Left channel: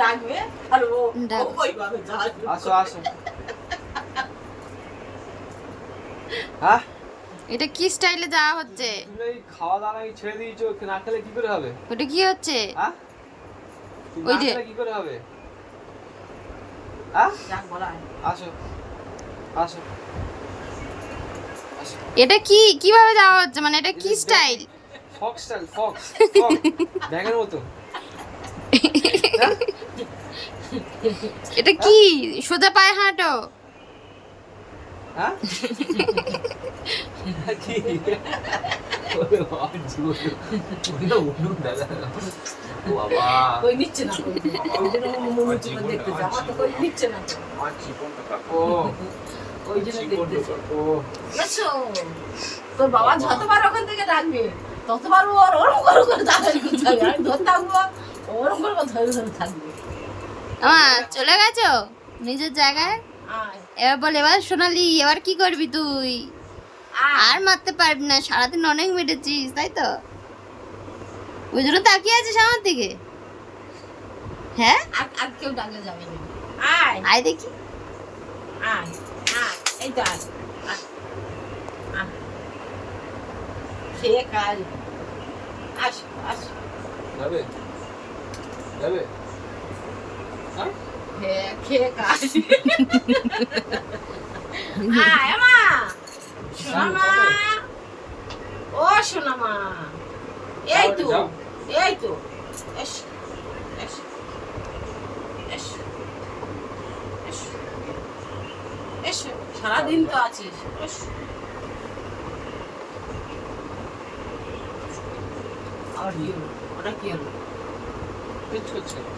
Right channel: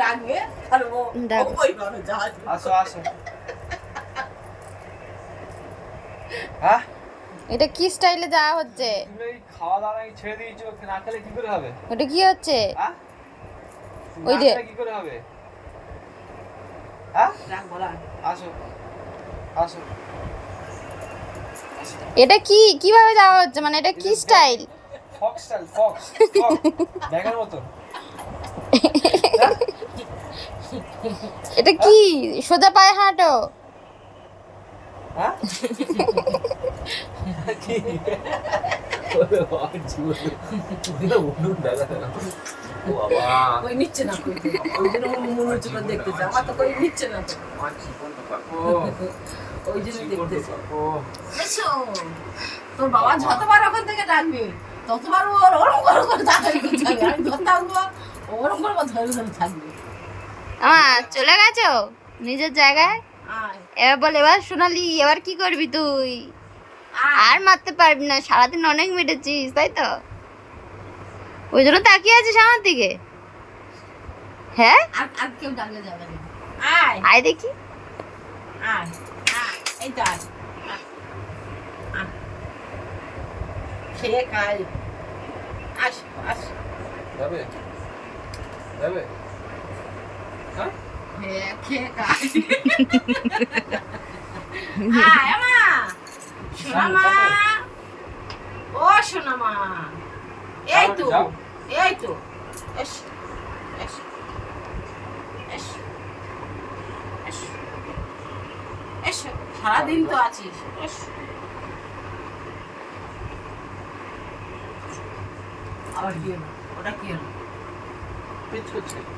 ডাকবে আর ও ওইভাবে যাবে। আসো আসো। হ্যাঁ এটা কি স্টাইলে যাওয়া হচ্ছে? তুমি এই খাওয়া দাওয়া নাকি ছেড়ে দিয়েছো, না খেলে কি করে হবে? ওটা কি হচ্ছে? হ্যাঁ ওই যে কি করে হবে? হ্যাঁ ডাক বলা আসো আসো। এটা কি কিভাবে যাওয়া হচ্ছে, মানে এটা কি স্টাইল? ফক্স স্টাইল, ফক্স ব্যাগের মতো। এটা কি সোজা পায়ে হাঁটো? হ্যাঁ কি ওরে বাবা জীবন উঠু দাদা ও বাবা কই নিচ্ছে না, কই ওই জন্য মনে হচ্ছে দেখতেছে, আমার তো কই নিচ্ছে না তো, আমার জীবনটা কাকো ওই জন্য জীবনটা দেখতেছে। কাকো। এসো, তোর বাবা যতবার ওখান থেকে ডাকবে ততবার ওর ওরম করে যাবে, আমি ধরতাম ওরম করে ধরে ধরে থাকবে। চলে গেছো নিজের জায়গায়? আয় এবার বল, এবার সোনালি এবার কি করবি তুই? আয় আর মারতে পারবি না, সারাদিন অনেক মেরেছিস তাই তো, ওই জন্য তাকিয়ে আছিস আমার দিকে। হ্যাঁ আর আর কেউ ডাকলে যাবে না। আয় আয় দেখি। আয় আয়, এই তো আয় আয়, আয়। খেয়ে খাই, আস আস, যাবে যাবে হ্যাঁ খেয়ে খাই। আয় মা, সোনা মা, ও সোনা মা, এই তো যাও। এই তো, S S S S S, সারাদিন তো আছিস, এস। আবার কি হলো, ওটা কি হলো? কিচ্ছু হচ্ছে না।